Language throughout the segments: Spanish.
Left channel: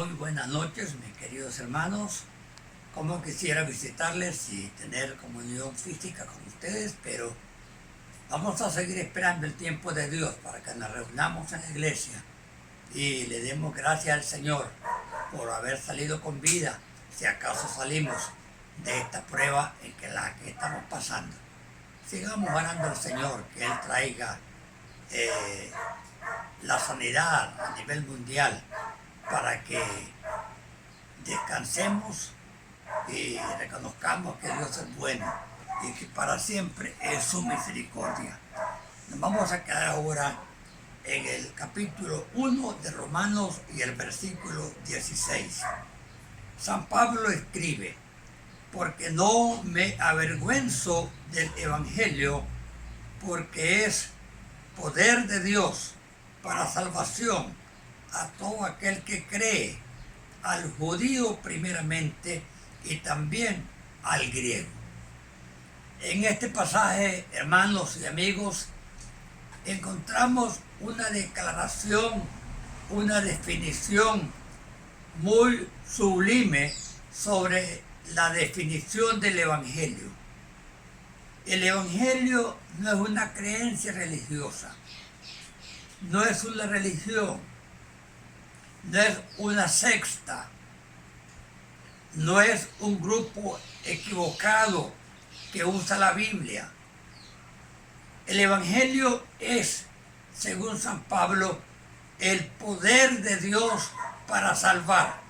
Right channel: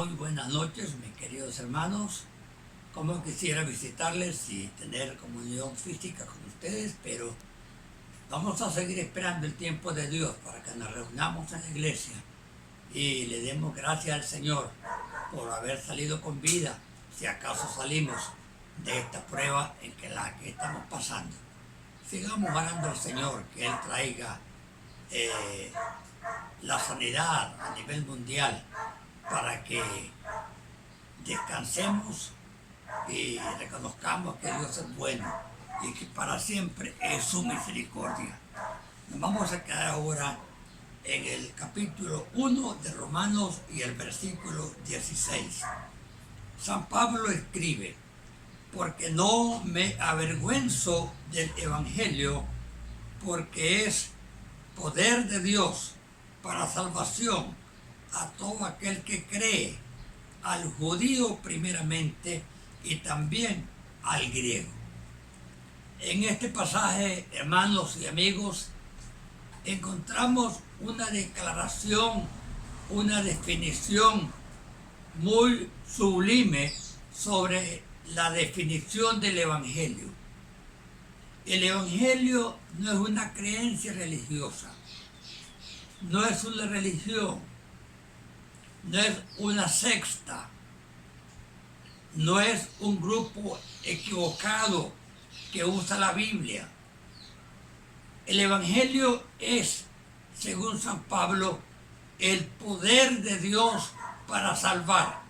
Muy buenas noches, mis queridos hermanos. Como quisiera visitarles y tener comunión física con ustedes, pero vamos a seguir esperando el tiempo de Dios para que nos reunamos en la iglesia y le demos gracias al Señor por haber salido con vida, si acaso salimos de esta prueba en la que estamos pasando. Sigamos orando al Señor que Él traiga la sanidad a nivel mundial para que descansemos y reconozcamos que Dios es bueno y que para siempre es su misericordia. Nos vamos a quedar ahora en el capítulo 1 de Romanos y el versículo 16. San Pablo escribe: porque no me avergüenzo del Evangelio, porque es poder de Dios para salvación a todo aquel que cree, al judío primeramente y también al griego. En este pasaje, hermanos y amigos, encontramos una declaración, una definición muy sublime sobre la definición del Evangelio. El Evangelio no es una creencia religiosa, no es una religión, no es una secta, no es un grupo equivocado que usa la Biblia. El Evangelio es, según San Pablo, el poder de Dios para salvar.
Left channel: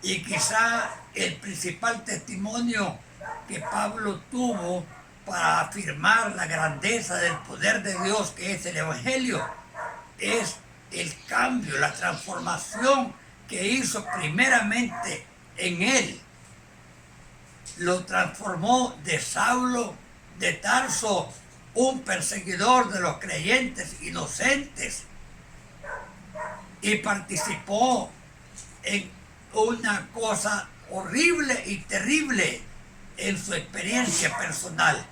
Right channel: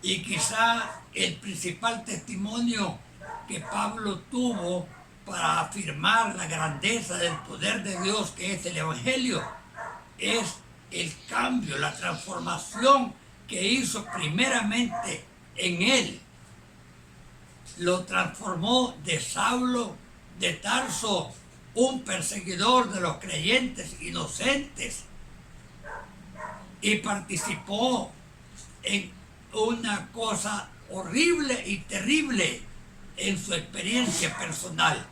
Y quizá el principal testimonio que Pablo tuvo para afirmar la grandeza del poder de Dios que es el Evangelio es el cambio, la transformación que hizo primeramente en él. Lo transformó de Saulo de Tarso, un perseguidor de los creyentes inocentes, y participó en una cosa horrible y terrible en su experiencia personal.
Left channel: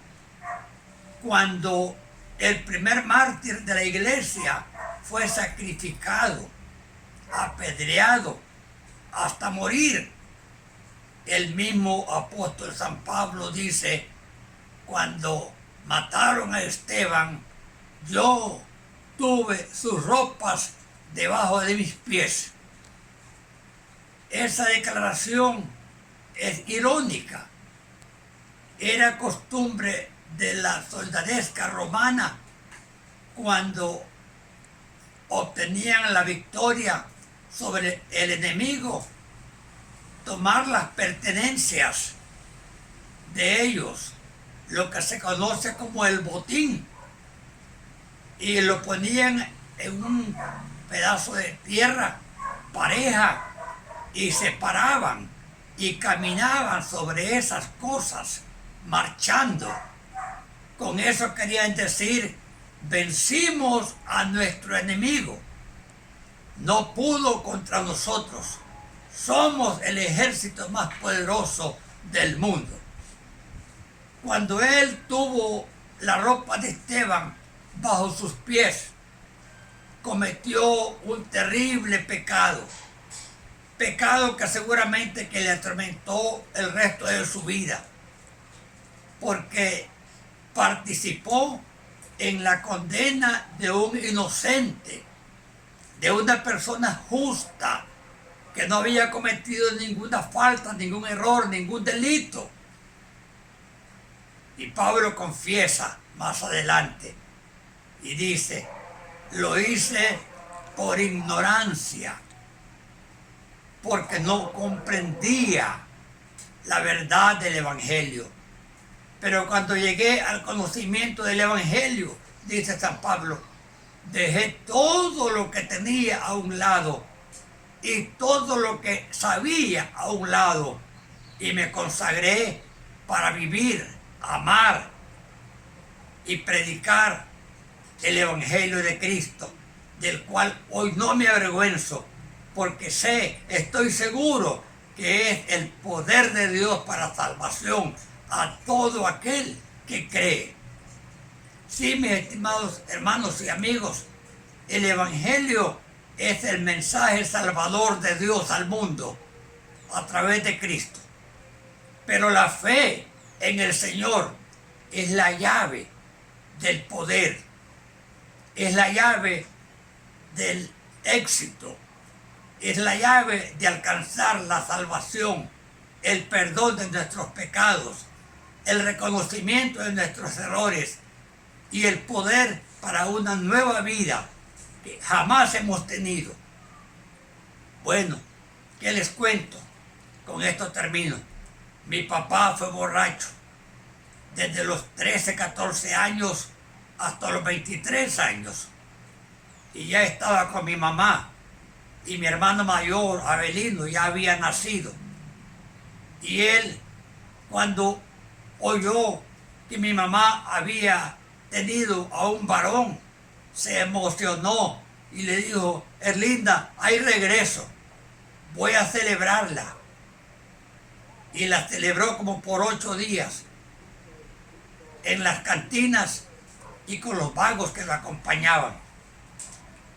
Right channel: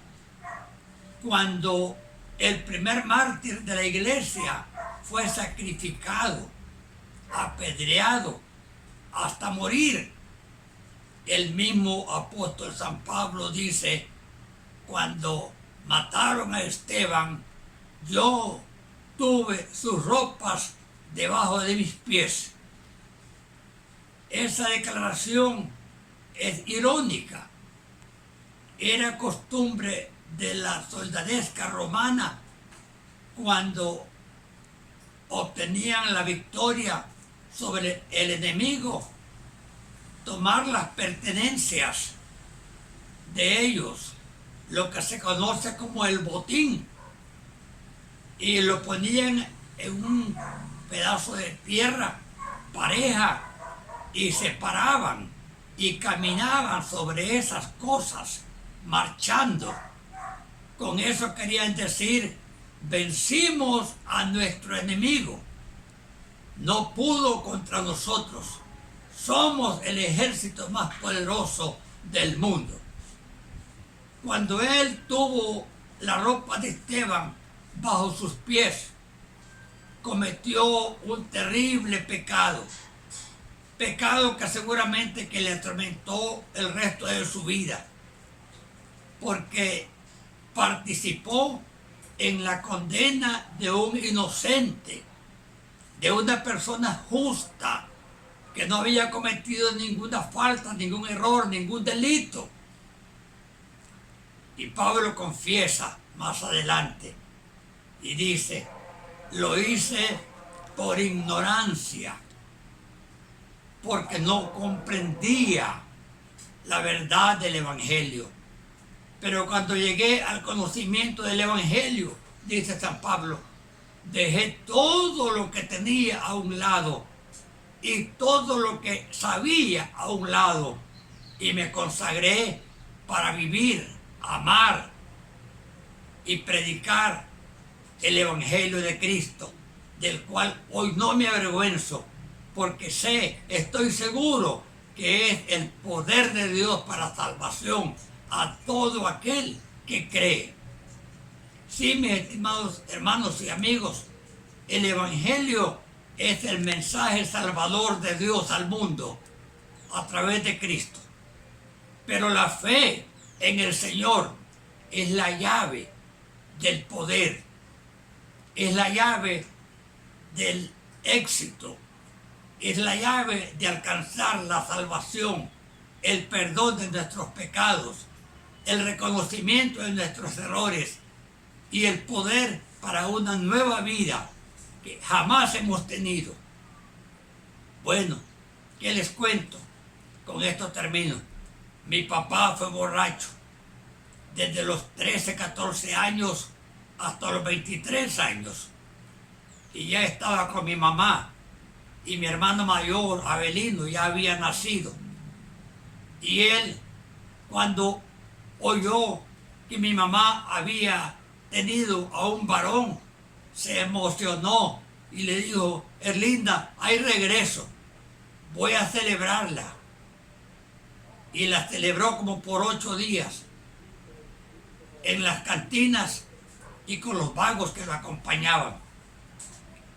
Cuando el primer mártir de la iglesia fue sacrificado, apedreado, hasta morir, el mismo apóstol San Pablo dice: cuando mataron a Esteban, yo tuve sus ropas debajo de mis pies. Esa declaración es irónica. Era costumbre de la soldadesca romana, cuando obtenían la victoria sobre el enemigo, tomar las pertenencias de ellos, lo que se conoce como el botín, y lo ponían en un pedazo de tierra pareja y se paraban y caminaban sobre esas cosas marchando. Con eso querían decir: vencimos a nuestro enemigo, no pudo contra nosotros, somos el ejército más poderoso del mundo. Cuando él tuvo la ropa de Esteban bajo sus pies, cometió un terrible pecado que seguramente que le atormentó el resto de su vida, porque participó en la condena de un inocente, de una persona justa que no había cometido ninguna falta, ningún error, ningún delito. Y Pablo confiesa más adelante y dice: lo hice por ignorancia, porque no comprendía la verdad del Evangelio. Pero cuando llegué al conocimiento del Evangelio, dice San Pablo, dejé todo lo que tenía a un lado y todo lo que sabía a un lado, y me consagré para vivir, amar y predicar el Evangelio de Cristo, del cual hoy no me avergüenzo, porque estoy seguro que es el poder de Dios para salvación a todo aquel que cree. Sí, mis estimados hermanos y amigos, el Evangelio es el mensaje salvador de Dios al mundo a través de Cristo. Pero la fe en el Señor es la llave del poder, es la llave del éxito, es la llave de alcanzar la salvación, el perdón de nuestros pecados, el reconocimiento de nuestros errores y el poder para una nueva vida que jamás hemos tenido. Bueno, ¿qué les cuento? Con esto termino. Mi papá fue borracho desde los 13, 14 años hasta los 23 años. Y ya estaba con mi mamá. Y mi hermano mayor, Abelino, ya había nacido. Y él, cuando oyó que mi mamá había tenido a un varón, se emocionó y le dijo: Erlinda, hay regreso, voy a celebrarla. Y la celebró como por 8 días en las cantinas y con los vagos que lo acompañaban.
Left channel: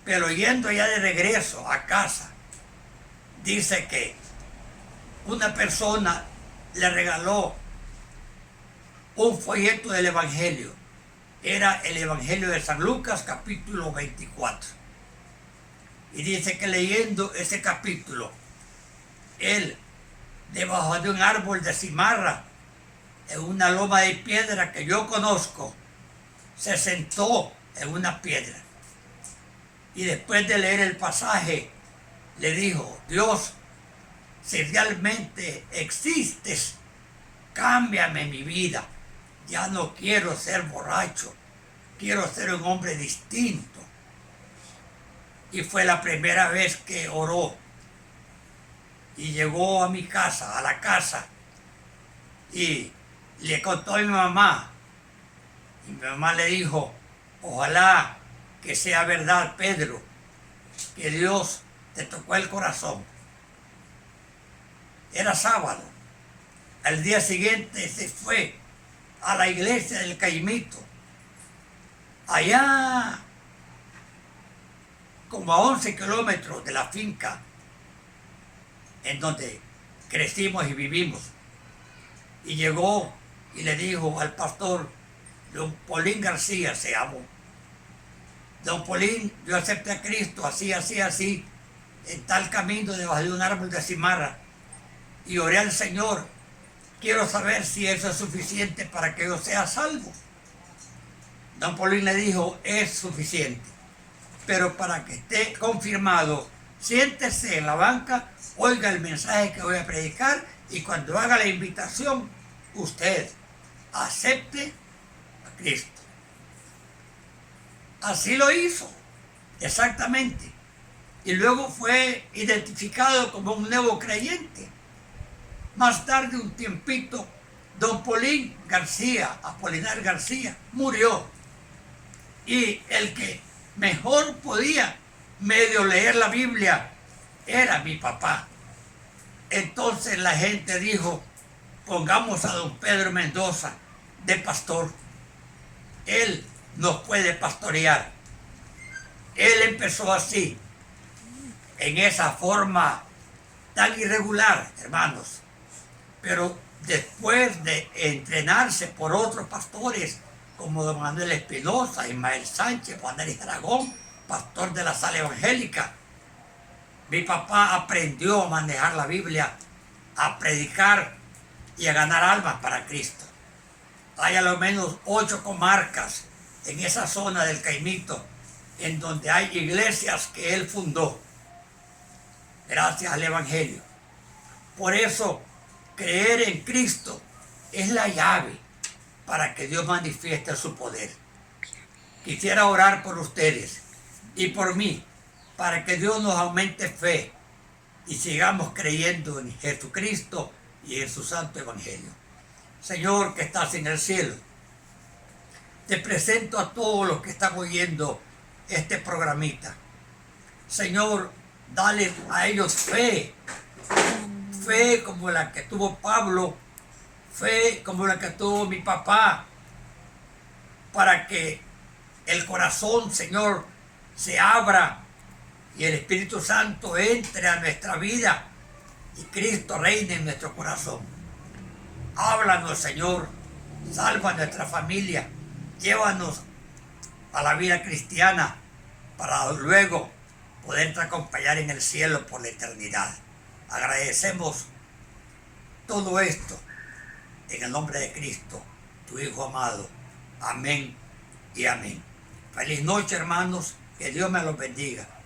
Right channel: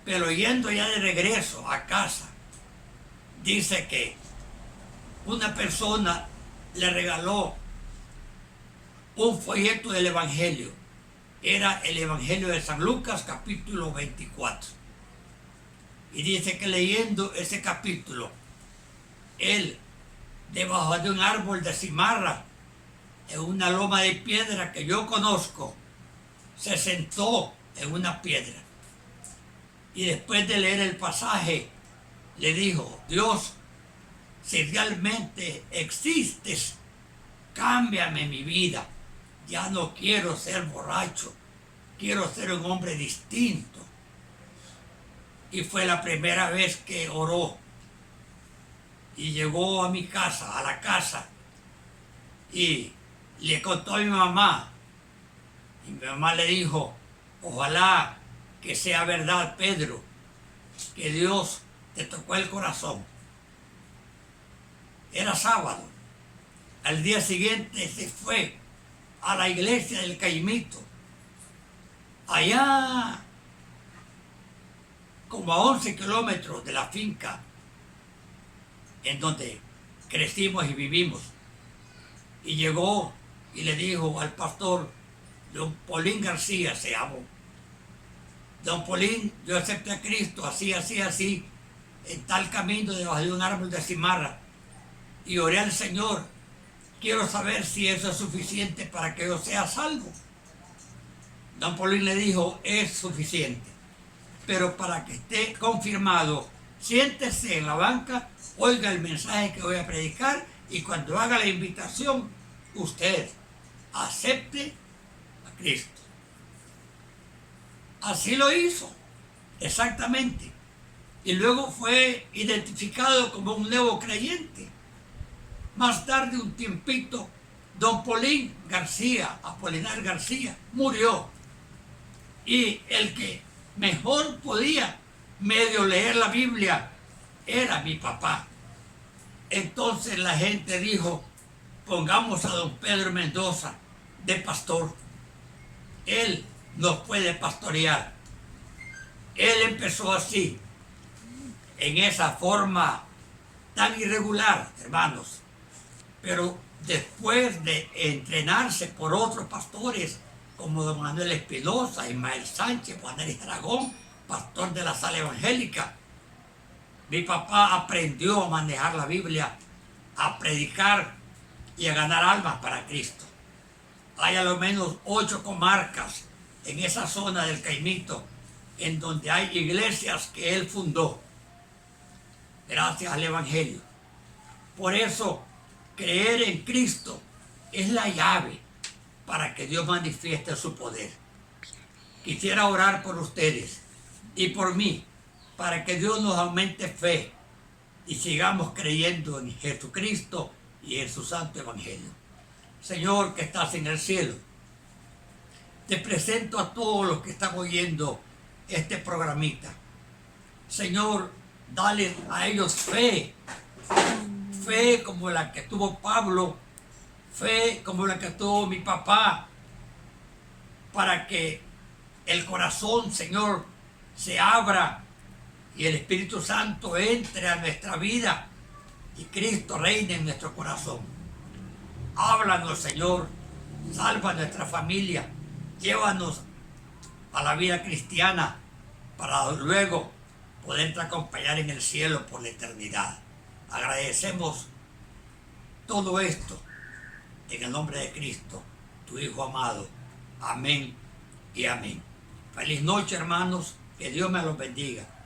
Pero yendo ya de regreso a casa, dice que una persona le regaló un folleto del Evangelio. Era el Evangelio de San Lucas, capítulo 24. Y dice que leyendo ese capítulo, él, debajo de un árbol de cimarra, en una loma de piedra que yo conozco, se sentó en una piedra. Y después de leer el pasaje, le dijo: Dios, si realmente existes, cámbiame mi vida. Ya no quiero ser borracho, quiero ser un hombre distinto. Y fue la primera vez que oró. Y llegó a mi casa, a la casa, y le contó a mi mamá. Y mi mamá le dijo: ojalá que sea verdad, Pedro, que Dios te tocó el corazón. Era sábado. Al día siguiente se fue a la iglesia del Caimito, allá como a 11 kilómetros de la finca en donde crecimos y vivimos. Y llegó y le dijo al pastor, don Polín García se llamó: don Polín, yo acepté a Cristo así, así, así, en tal camino debajo de un árbol de cimarra, y oré al Señor. Quiero saber si eso es suficiente para que yo sea salvo. Don Polín le dijo: es suficiente, pero para que esté confirmado, siéntese en la banca, oiga el mensaje que voy a predicar, y cuando haga la invitación, usted acepte a Cristo. Así lo hizo, exactamente. Y luego fue identificado como un nuevo creyente. Más tarde, un tiempito, don Polín García, Apolinar García, murió. Y el que mejor podía medio leer la Biblia era mi papá. Entonces la gente dijo: pongamos a don Pedro Mendoza de pastor. Él nos puede pastorear. Él empezó así, en esa forma tan irregular, hermanos. Pero después de entrenarse por otros pastores como don Manuel Espinosa, Ismael Sánchez, Juan Eris Aragón, pastor de la Sala Evangélica, mi papá aprendió a manejar la Biblia, a predicar y a ganar almas para Cristo. Hay a lo menos 8 comarcas en esa zona del Caimito en donde hay iglesias que él fundó, gracias al Evangelio. Por eso, creer en Cristo es la llave para que Dios manifieste su poder. Quisiera orar por ustedes y por mí, para que Dios nos aumente fe y sigamos creyendo en Jesucristo y en su santo Evangelio. Señor, que estás en el cielo, te presento a todos los que están oyendo este programita. Señor, dale a ellos fe, fe como la que tuvo Pablo, fe como la que tuvo mi papá, para que el corazón, Señor, se abra y el Espíritu Santo entre a nuestra vida y Cristo reine en nuestro corazón. Háblanos, Señor, salva a nuestra familia, llévanos a la vida cristiana para luego poderte acompañar en el cielo por la eternidad. Agradecemos todo esto en el nombre de Cristo, tu Hijo amado. Amén y amén. Feliz noche, hermanos. Que Dios me los bendiga.